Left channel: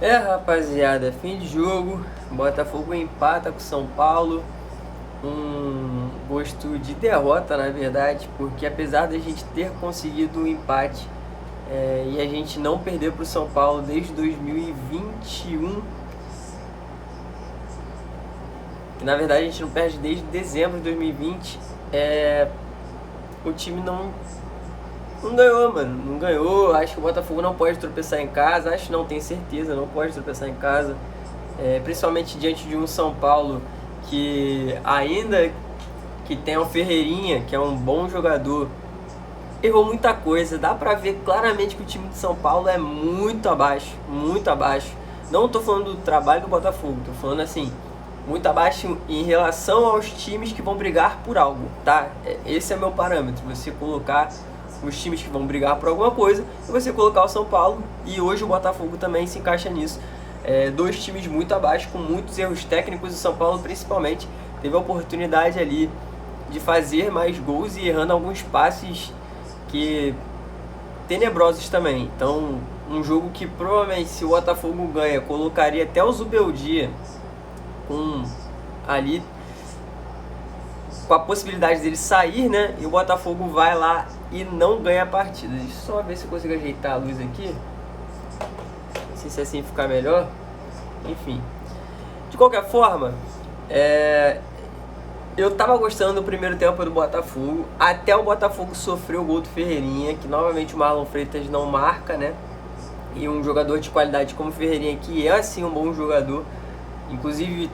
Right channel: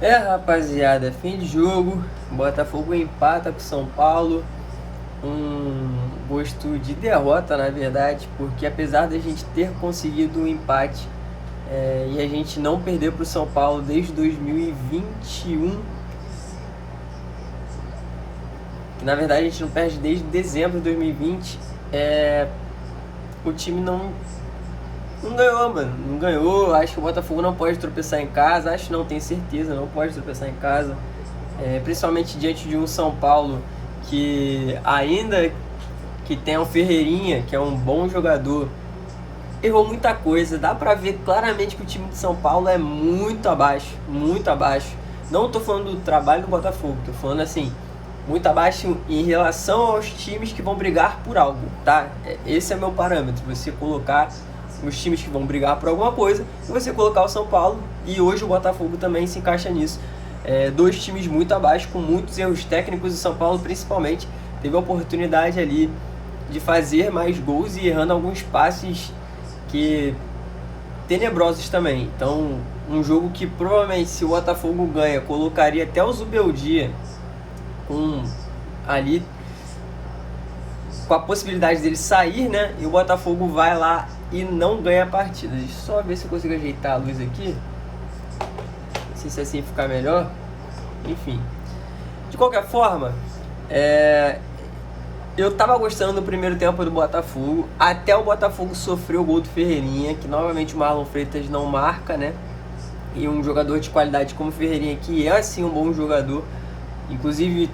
Rapaziada, fim de jogo, Botafogo empata com São Paulo, um gosto de derrota na verdade, porque apesar de a gente ter conseguido um empate e a gente não perder para o São Paulo desde 2021, que na verdade a gente não perde desde dezembro de 2020, o time não ganhou, mano. Não ganhou. Acho que o Botafogo não pode tropeçar em casa. Acho não, tenho certeza, não pode tropeçar em casa. Principalmente diante de um São Paulo que, ainda que tenha um Ferreirinha, que é um bom jogador, errou muita coisa. Dá pra ver claramente que o time de São Paulo é muito abaixo. Muito abaixo. Não tô falando do trabalho do Botafogo. Tô falando assim, muito abaixo em relação aos times que vão brigar por algo, tá? Esse é meu parâmetro. Você colocar os times que vão brigar por alguma coisa e você colocar o São Paulo, e hoje o Botafogo também se encaixa nisso. Dois times muito abaixo, com muitos erros técnicos. O São Paulo principalmente teve a oportunidade ali de fazer mais gols e errando alguns passes que tenebrosos também. Então, um jogo que provavelmente, se o Botafogo ganha, colocaria até o Zubeldia ali com a possibilidade dele sair, né? E o Botafogo vai lá e não ganha a partida. Deixa eu só ver se eu consigo ajeitar a luz aqui. Não sei se assim ficar melhor. Enfim. De qualquer forma, eu tava gostando do primeiro tempo do Botafogo. Até o Botafogo sofreu o gol do Ferreirinha, que novamente o Marlon Freitas não marca, né? E um jogador de qualidade como o Ferreirinha, que é assim um bom jogador, inclusive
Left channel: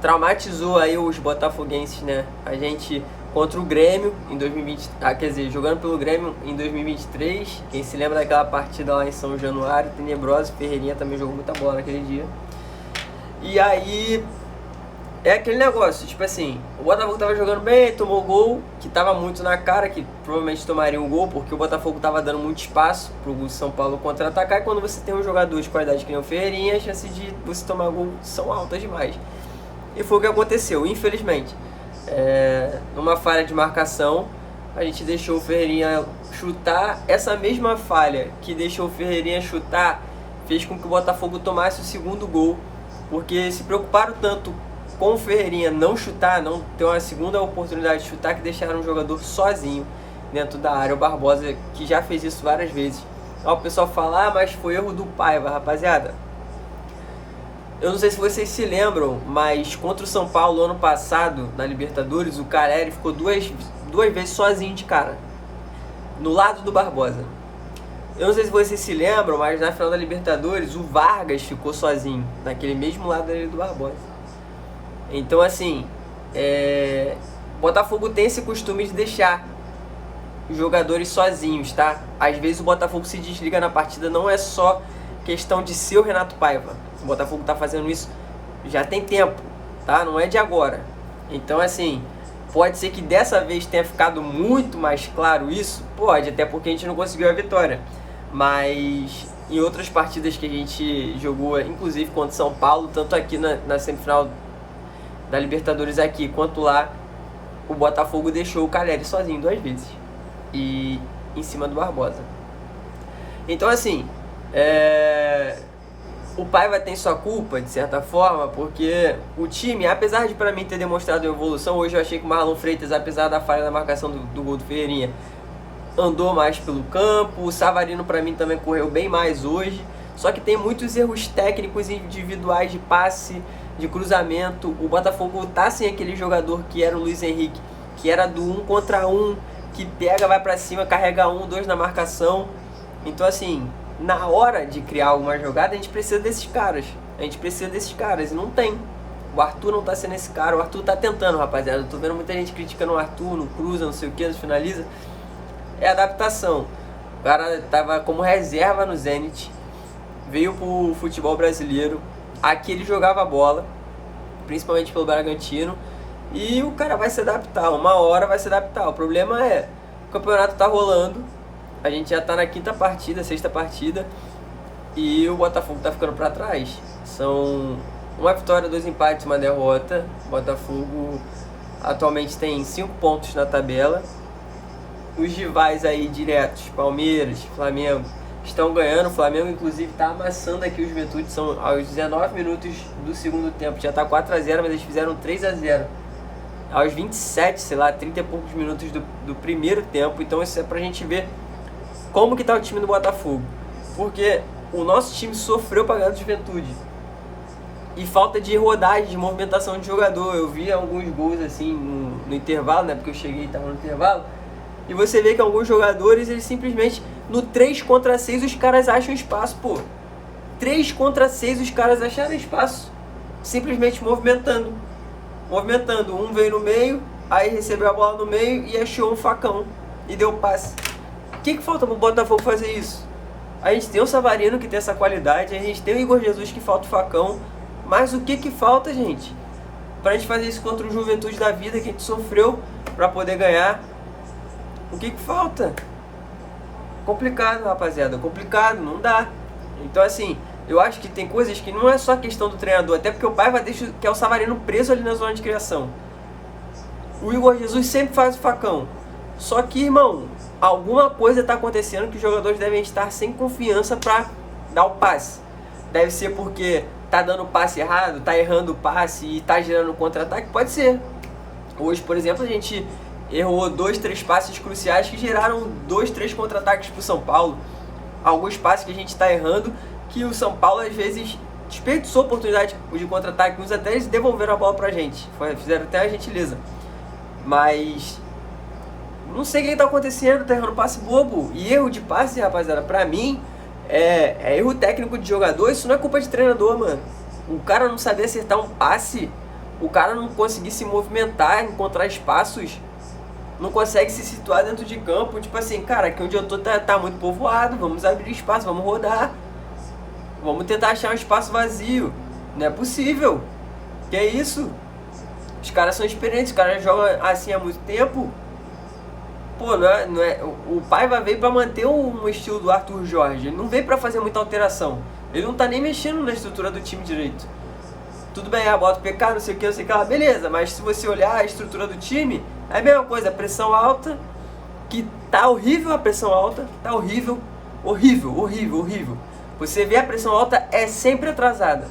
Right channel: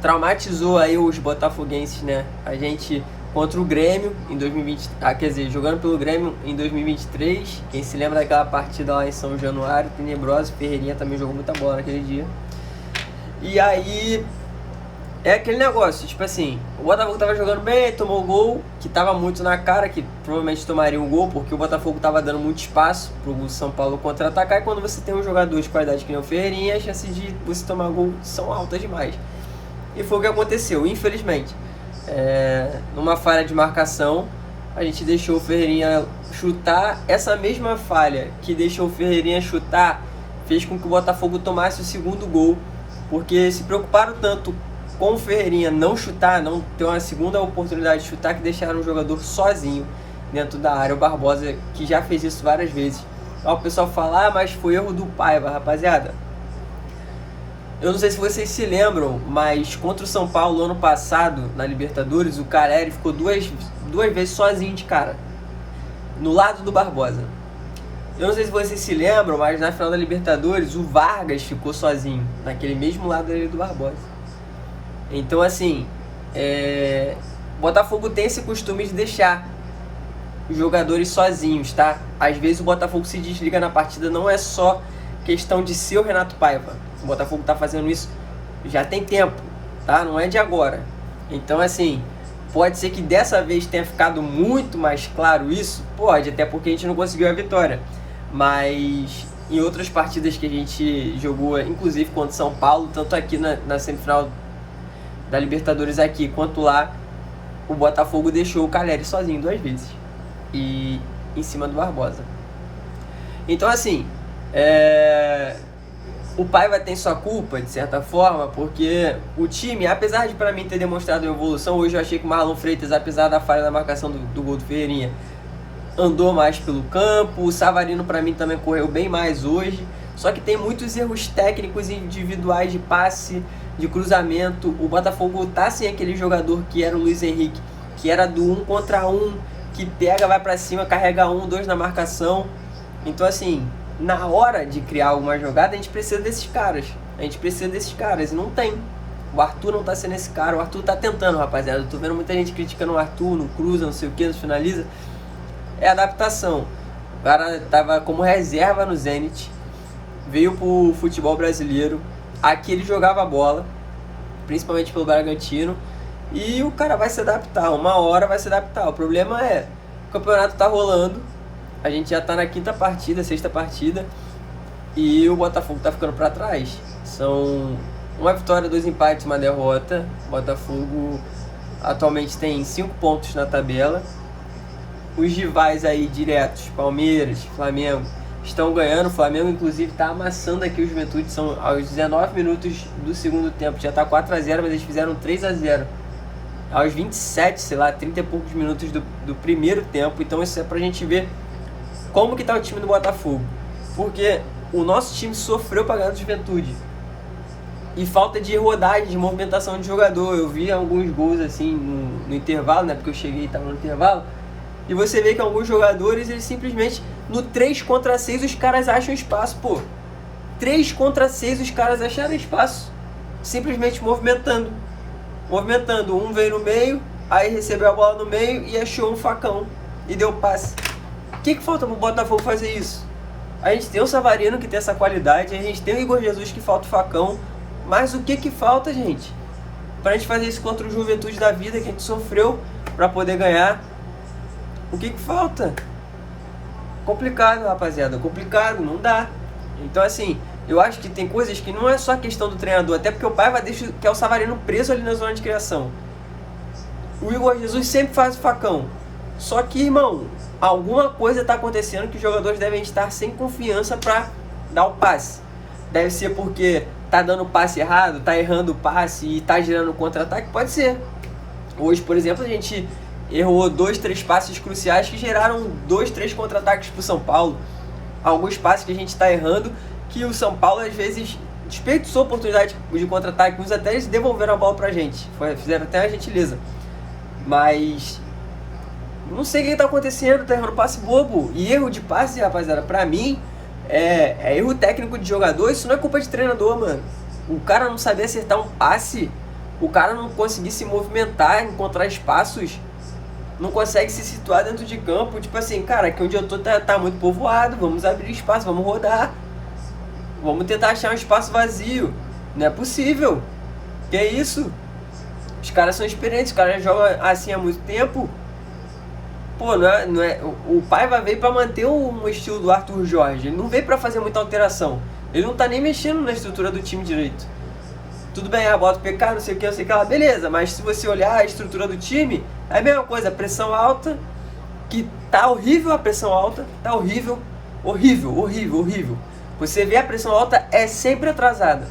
traumatizou aí os botafoguenses, né? A gente contra o Grêmio em 2020, quer dizer, jogando pelo Grêmio em 2023. Quem se lembra daquela partida lá em São Januário, tenebrosa, Ferreirinha também jogou muita bola naquele dia. E aí é aquele negócio, tipo assim, o Botafogo tava jogando bem, tomou o gol, que tava muito na cara, que provavelmente tomaria um gol, porque o Botafogo tava dando muito espaço pro São Paulo contra-atacar, e quando você tem um jogador de qualidade que nem o Ferreirinha, as chances de você tomar gol são altas demais. E foi o que aconteceu, infelizmente. Numa falha de marcação, a gente deixou o Ferreirinha chutar. Essa mesma falha que deixou o Ferreirinha chutar fez com que o Botafogo tomasse o segundo gol, porque se preocuparam tanto com o Ferreirinha não chutar, não ter uma segunda oportunidade de chutar, que deixaram o jogador sozinho dentro da área. O Barbosa, que já fez isso várias vezes. Ó, o pessoal fala, mas foi erro do Paiva. Rapaziada, eu não sei se vocês se lembram, mas contra o São Paulo ano passado, na Libertadores, o Caleri ficou duas vezes sozinho de cara, no lado do Barbosa. Eu não sei se vocês se lembram, mas na final da Libertadores, o Vargas ficou sozinho, naquele mesmo lado ali do Barbosa. Então assim, o Botafogo tem esse costume de deixar os jogadores sozinhos, tá? Às vezes o Botafogo se desliga na partida, não é só questão de ser o Renato Paiva. O Botafogo tá fazendo isso já tem tempo, tá? Não é de agora. Então assim, pode ser que dessa vez tenha ficado muito mais claro isso, pode, até porque a gente não conseguiu a vitória. Mas em outras partidas que a gente jogou, inclusive contra São Paulo, tanto aqui na semifinal da Libertadores aqui, quanto lá, o Botafogo deixou o Caleri sozinho 2 vezes. E em cima do Barbosa. Então assim, o Paiva tem sua culpa, de certa forma, porque o time, apesar de para mim ter demonstrado evolução, hoje eu achei que o Marlon Freitas, apesar da falha na marcação do gol do Ferreirinha, andou mais pelo campo. O Savarino para mim também correu bem mais hoje, só que tem muitos erros técnicos individuais de passe, de cruzamento. O Botafogo tá sem aquele jogador que era o Luiz Henrique, que era do 1 contra 1, que pega, vai para cima, carrega 1, 2 na marcação. Então assim, na hora de criar alguma jogada, a gente precisa desses caras. E não tem. O Arthur não tá sendo esse cara. O Arthur tá tentando, rapaziada. Eu tô vendo muita gente criticando o Arthur, não cruza, não sei o que, não finaliza. É adaptação. O cara tava como reserva no Zenit, veio pro futebol brasileiro. Aqui ele jogava bola, principalmente pelo Bragantino. E o cara vai se adaptar, uma hora vai se adaptar. O problema é, o campeonato tá rolando, a gente já tá na quinta partida, sexta partida, e o Botafogo tá ficando pra trás. São uma vitória, 2 empates, uma derrota. O Botafogo atualmente tem 5 pontos na tabela. Os rivais aí diretos, Palmeiras, Flamengo, estão ganhando. O Flamengo, inclusive, está amassando aqui o Juventude. São aos 19 minutos do segundo tempo. Já está 4-0, mas eles fizeram 3-0. Aos 27, sei lá, 30 e poucos minutos do primeiro tempo. Então isso é pra gente ver como que tá o time do Botafogo. Porque o nosso time sofreu pra ganhar do Juventude. E falta de rodagem, de movimentação de jogador. Eu vi alguns gols assim no intervalo, né? Porque eu cheguei e tava no intervalo. E você vê que alguns jogadores, eles simplesmente, no 3 contra 6, os caras acham espaço, pô. 3 contra 6, os caras acharam espaço. Simplesmente movimentando. Um veio no meio, aí recebeu a bola no meio e achou um facão. E deu passe. O que falta pro Botafogo fazer isso? A gente tem o Savarino que tem essa qualidade, a gente tem o Igor Jesus que falta o facão. Mas o que falta, gente? Pra gente fazer isso contra o Juventude da vida que a gente sofreu pra poder ganhar. O que falta? Complicado, rapaziada. Complicado, não dá. Então assim, eu acho que tem coisas que não é só questão do treinador. Até porque o Paiva deixa que é o Savarino preso ali na zona de criação. O Igor Jesus sempre faz o facão. Só que, irmão, alguma coisa tá acontecendo que os jogadores devem estar sem confiança pra dar o passe. Deve ser porque tá dando passe errado, tá errando o passe e tá gerando contra-ataque? Pode ser. Hoje, por exemplo, a gente errou 2, 3 passes cruciais que geraram 2, 3 contra-ataques pro São Paulo. Alguns passes que a gente tá errando que o São Paulo às vezes desperdiçou oportunidade de contra-ataque, uns até eles devolveram a bola pra gente. Fizeram até a gentileza. Mas não sei o que tá acontecendo, tá errando passe bobo. E erro de passe, rapaziada, pra mim é erro técnico de jogador. Isso não é culpa de treinador, mano. O cara não saber acertar um passe, o cara não conseguir se movimentar, encontrar espaços, não consegue se situar dentro de campo. Tipo assim, cara, aqui onde eu tô tá muito povoado, vamos abrir espaço, vamos rodar, vamos tentar achar um espaço vazio. Não é possível. Que isso? Os caras são experientes, os caras jogam assim há muito tempo. Pô, não é, o Paiva veio pra manter um estilo do Arthur Jorge. Ele não veio pra fazer muita alteração. Ele não tá nem mexendo na estrutura do time direito. Tudo bem, bota o PK, não sei o que lá, beleza. Mas se você olhar a estrutura do time, é a mesma coisa. A pressão alta, que tá horrível a pressão alta. Tá horrível, horrível. Você vê a pressão alta, é sempre atrasada.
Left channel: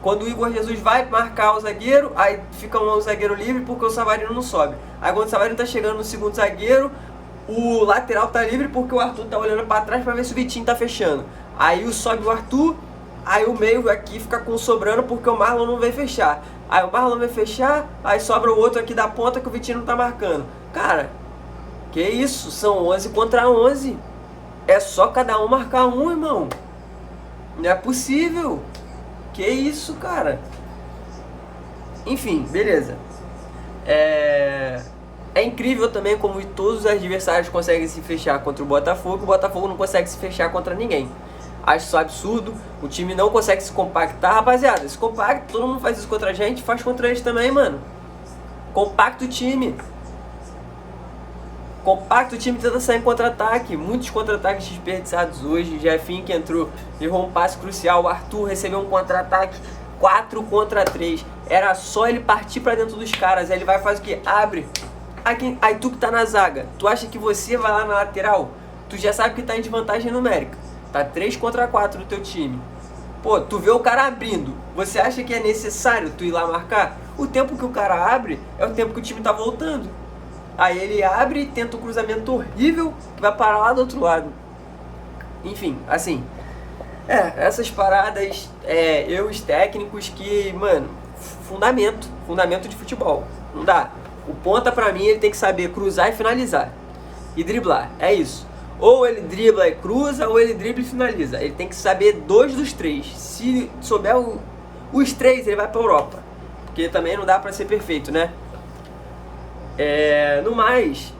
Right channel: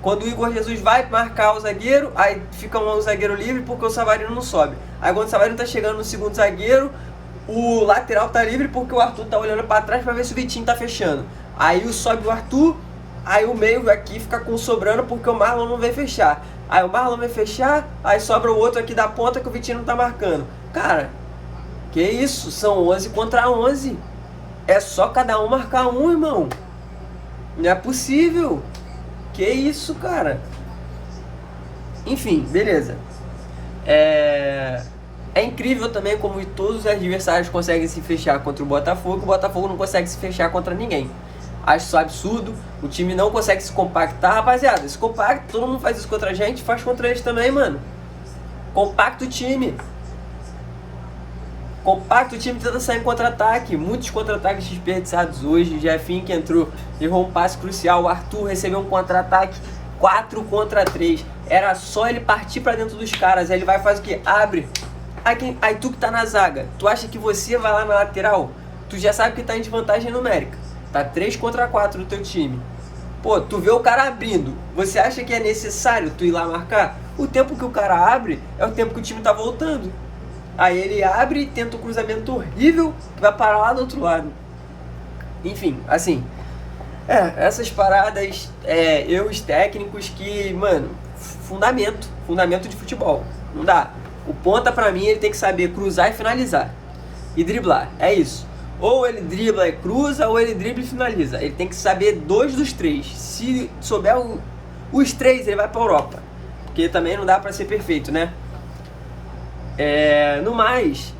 Quando o Igor Jesus vai marcar o zagueiro, aí fica um zagueiro livre porque o Savarino não sobe. Aí quando o Savarino tá chegando no segundo zagueiro, o lateral tá livre porque o Arthur tá olhando pra trás pra ver se o Vitinho tá fechando. Aí sobe o Arthur, aí o meio aqui fica com sobrando porque o Marlon não vai fechar. Aí o Marlon vai fechar, aí sobra o outro aqui da ponta que o Vitinho não tá marcando. Cara, que isso? São 11 contra 11. É só cada um marcar um, irmão. Não é possível. Que isso, cara? Enfim, beleza. É incrível também como todos os adversários conseguem se fechar contra o Botafogo não consegue se fechar contra ninguém. Acho isso absurdo, o time não consegue se compactar, rapaziada. Se compacta, todo mundo faz isso contra a gente, faz contra eles também, mano. Compacta o time. Tenta sair em contra-ataque. Muitos contra-ataques desperdiçados hoje. Jefinho que entrou, errou um passe crucial. O Arthur recebeu um contra-ataque 4 contra 3. Era só ele partir pra dentro dos caras. Aí ele vai e faz o quê? Abre. Aí tu que tá na zaga, tu acha que você vai lá na lateral? Tu já sabe que tá em desvantagem numérica. Tá 3 contra 4 no teu time. Pô, tu vê o cara abrindo. Você acha que é necessário tu ir lá marcar? O tempo que o cara abre é o tempo que o time tá voltando. Aí ele abre e tenta um cruzamento horrível que vai parar lá do outro lado. Enfim, assim, essas paradas, erros técnicos que, mano, fundamento de futebol. Não dá. O ponta pra mim ele tem que saber cruzar e finalizar. E driblar, é isso. Ou ele dribla e cruza, ou ele dribla e finaliza. Ele tem que saber 2 dos 3. Se souber os 3, ele vai pra Europa. Porque também não dá pra ser perfeito, né? No mais,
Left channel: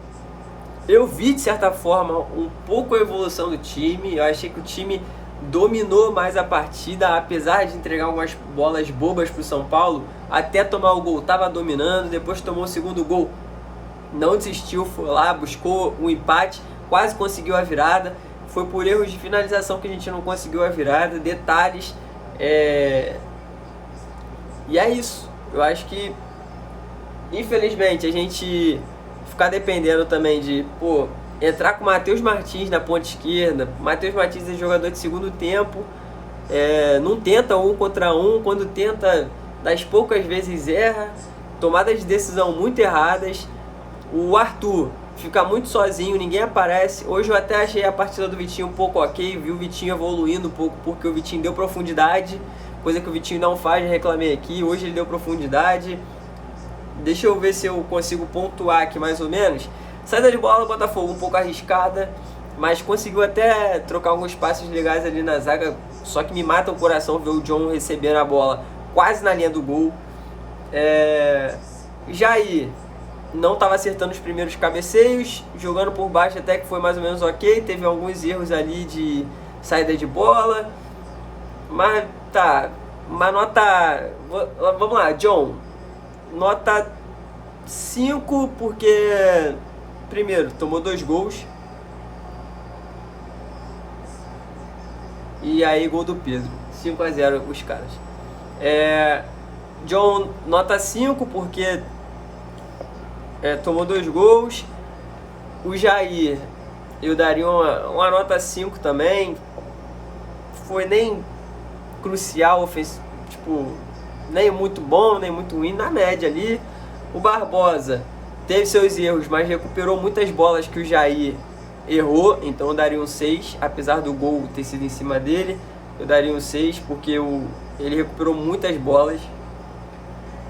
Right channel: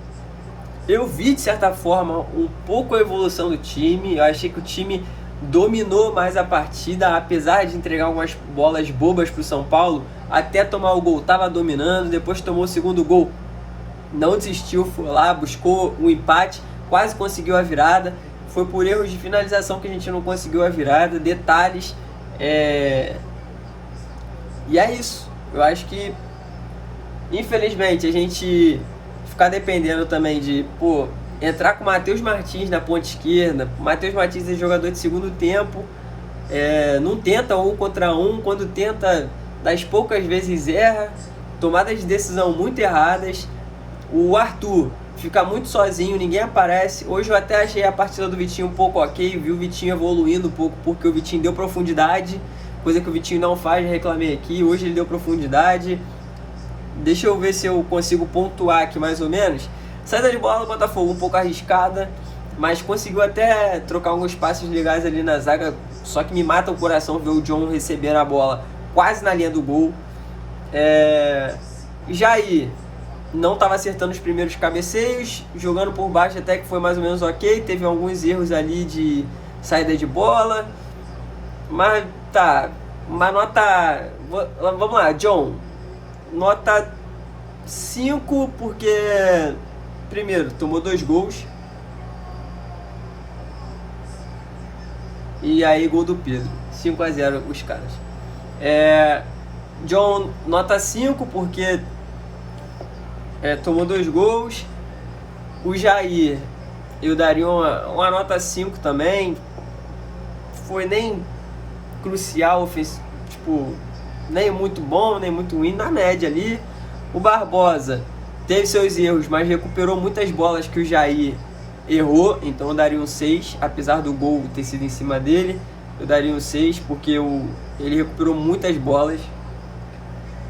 eu vi de certa forma um pouco a evolução do time. Eu achei que o time dominou mais a partida, apesar de entregar algumas bolas bobas pro São Paulo. Até tomar o gol tava dominando, depois tomou o segundo gol, não desistiu, foi lá, buscou o empate, quase conseguiu a virada. Foi por erros de finalização que a gente não conseguiu a virada, detalhes. E é isso. Eu acho que infelizmente a gente ficar dependendo também de entrar com o Matheus Martins na ponta esquerda. O Matheus Martins é jogador de segundo tempo, não tenta 1 contra 1, quando tenta, das poucas vezes erra, tomadas de decisão muito erradas. O Arthur fica muito sozinho, ninguém aparece. Hoje eu até achei a partida do Vitinho um pouco ok, vi o Vitinho evoluindo um pouco, porque o Vitinho deu profundidade, coisa que o Vitinho não faz, já reclamei aqui. Hoje ele deu profundidade. Deixa eu ver se eu consigo pontuar aqui mais ou menos. Saída de bola do Botafogo um pouco arriscada, mas conseguiu até trocar alguns passes legais ali na zaga, só que me mata o coração ver o John receber a bola quase na linha do gol. Jair não estava acertando os primeiros cabeceios, jogando por baixo até que foi mais ou menos ok, teve alguns erros ali de saída de bola, mas tá, uma nota, vamos lá, John, nota 5, porque primeiro tomou 2 gols, e aí gol do Pedro, 5-0 os caras. John, nota 5, porque tomou 2 gols. O Jair, eu daria uma nota 5 também. Foi nem crucial, tipo, nem muito bom, nem muito ruim, na média ali. O Barbosa teve seus erros, mas recuperou muitas bolas que o Jair errou, então eu daria um 6, apesar do gol ter sido em cima dele. Eu daria um 6, porque ele recuperou muitas bolas.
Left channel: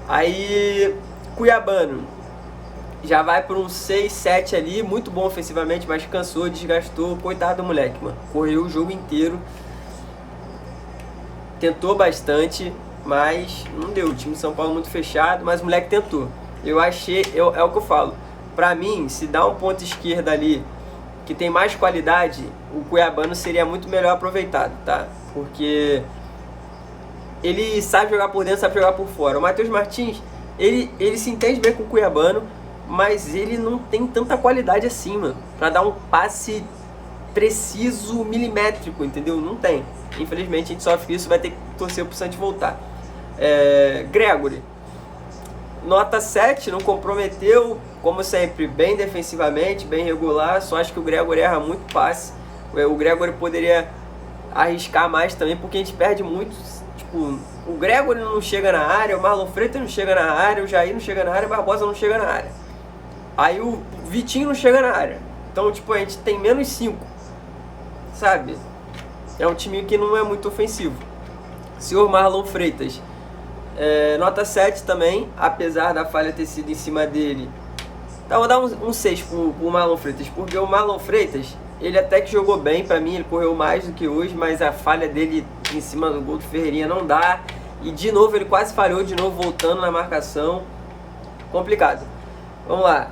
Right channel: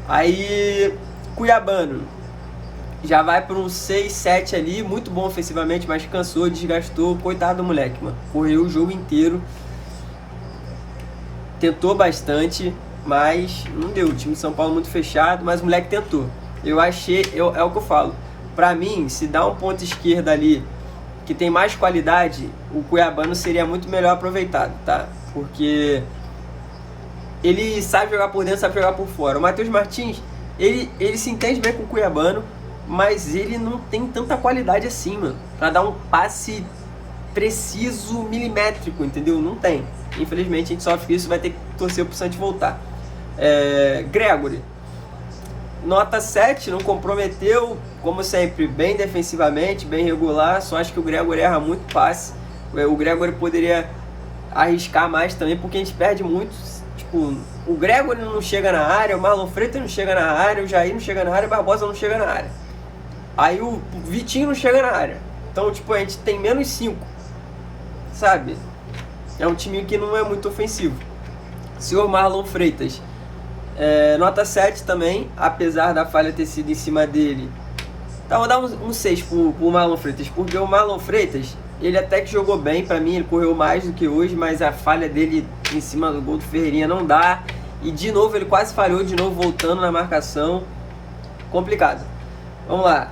Aí, Cuiabano já vai para um 6, 7 ali, muito bom ofensivamente, mas cansou, desgastou, coitado do moleque, mano. Correu o jogo inteiro, tentou bastante, mas não deu. O time de São Paulo muito fechado, mas o moleque tentou. Eu achei, é o que eu falo, pra mim, se dá um ponto esquerda ali que tem mais qualidade, o Cuiabano seria muito melhor aproveitado, tá? Porque ele sabe jogar por dentro, sabe jogar por fora. O Matheus Martins, ele se entende bem com o Cuiabano, mas ele não tem tanta qualidade assim, mano, pra dar um passe preciso, milimétrico, entendeu? Não tem. Infelizmente a gente sofre isso, vai ter que torcer pro Santos voltar. Gregory, nota 7, não comprometeu, como sempre, bem defensivamente, bem regular, só acho que o Gregory erra muito passe. O Gregory poderia arriscar mais também, porque a gente perde muito. Tipo, o Gregory não chega na área, o Marlon Freitas não chega na área, o Jair não chega na área, o Barbosa não chega na área. Aí o Vitinho não chega na área. Então, tipo, a gente tem menos 5, sabe? É um time que não é muito ofensivo. Senhor Marlon Freitas, nota 7 também, apesar da falha ter sido em cima dele. Então, vou dar um 6 pro Marlon Freitas, porque o Marlon Freitas, ele até que jogou bem, pra mim ele correu mais do que hoje, mas a falha dele em cima do gol do Ferreirinha não dá. E de novo ele quase falhou, de novo voltando na marcação. Complicado. Vamos lá.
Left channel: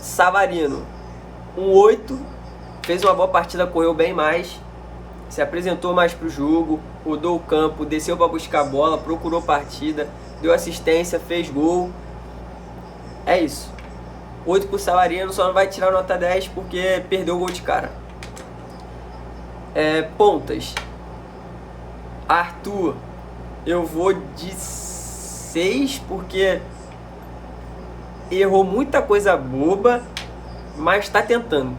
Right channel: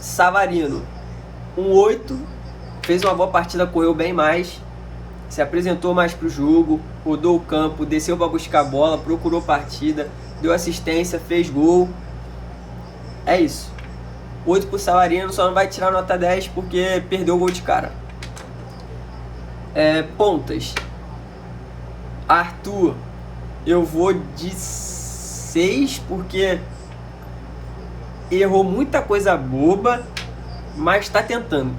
Savarino, um 8, fez uma boa partida, correu bem mais, se apresentou mais pro jogo, rodou o campo, desceu para buscar a bola, procurou partida, deu assistência, fez gol. É isso. 8 pro Savarino, só não vai tirar nota 10 porque perdeu o gol de cara. Pontas. Arthur, eu vou de 6 porque errou muita coisa boba, mas tá tentando.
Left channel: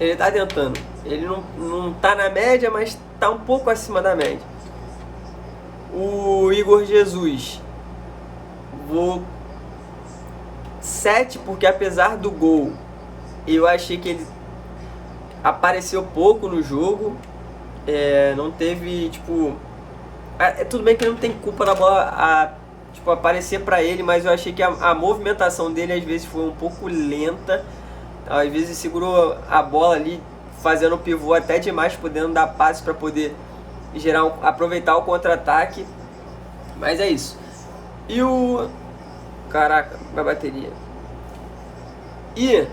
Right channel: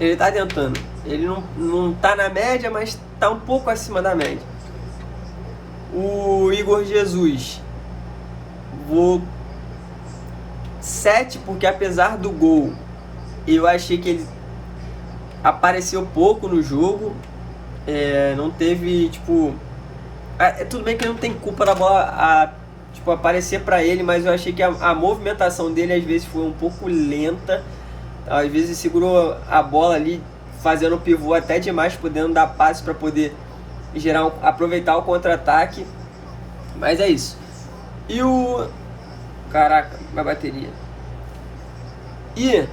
Ele tá tentando. Ele não tá na média, mas tá um pouco acima da média. O Igor Jesus, vou 7, porque apesar do gol, eu achei que ele apareceu pouco no jogo. Não teve, tipo... tudo bem que não tem culpa da bola aparecer pra ele, mas eu achei que a movimentação dele às vezes foi um pouco lenta. Às vezes ele segurou a bola ali, fazendo o pivô até demais, podendo dar passe para poder aproveitar o contra-ataque. Mas é isso. E caraca, a bateria. E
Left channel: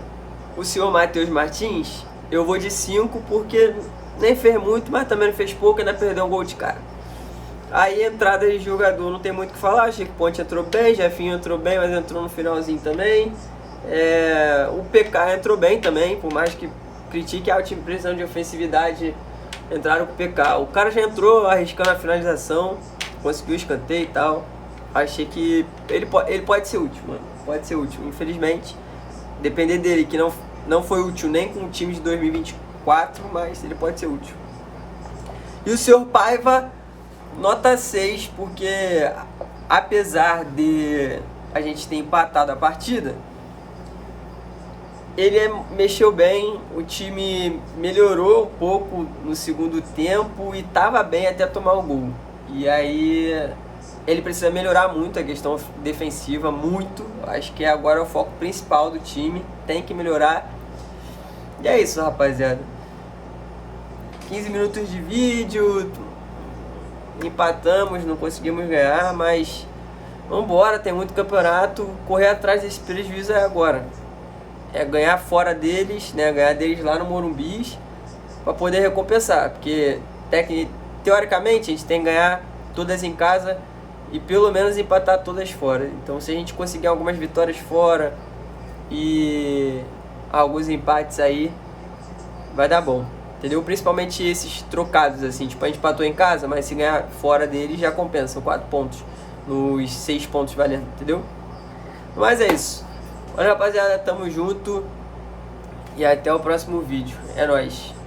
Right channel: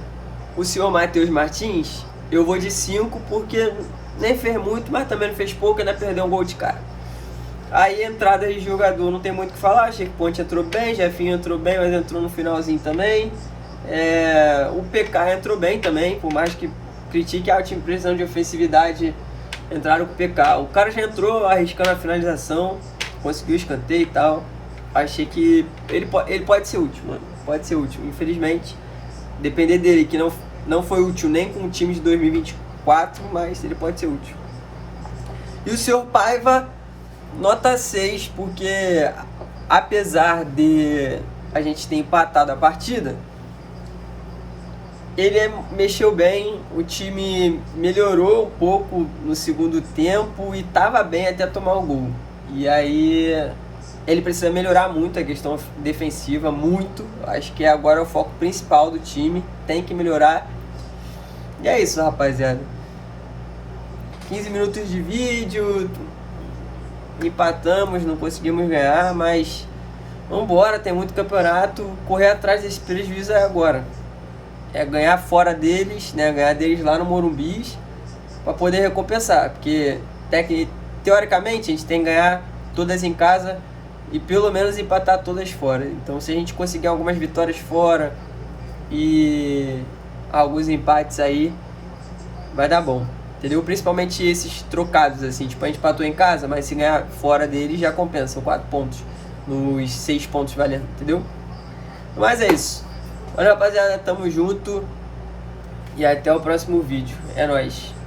o senhor Matheus Martins, eu vou de 5, porque nem fez muito, mas também não fez pouco, ainda perdeu um gol de cara. Aí entrada de jogador, não tem muito o que falar. Achei que o Ponte entrou bem, Jefinho entrou bem, mas entrou no finalzinho também. O PK entrou bem também, por mais que critique a time precisando de ofensividade, entraram com o PK. O cara já entrou arriscando a finalização, conseguiu o escanteio e tal. Achei que ele pode ser útil, mano. Pode ser útil, infelizmente. Depender dele, que não Não foi útil nem com o time de 2024, mas ele pode ser útil. E o Sr. Paiva, nota 6, porque apesar de a gente ter empatado a partida, ele mexeu bem, o time melhorou um pouco no segundo tempo e estava bem até tomar o gol. E aí ele precisa melhorar muito a questão defensiva, muito. Acho que agora é o foco principal do time, tem que melhorar. E é isso, rapaziada. 15 minutos de vídeo, empatamos, não conseguimos ganhar, mas vambora, tem muito campeonato, correr atrás desse prejuízo é agora. É ganhar fora deles, né? Ganhar deles lá no Morumbi para poder recompensar, porque teoricamente a gente tem que ganhar todas em casa e pelo menos empatar todas fora. Então se a gente conseguir algumas vitórias fora e alguns empates aí, vai dar bom, entendeu? Principalmente esses trocados assim, tipo a gente empatou em casa, mas se ganhar fora deles já compensa, 4 pontos nos 6 pontos valendo, entendeu? Mas é isso. Olha, rapaziada, tamo junto e até o próximo vídeo. É nóis.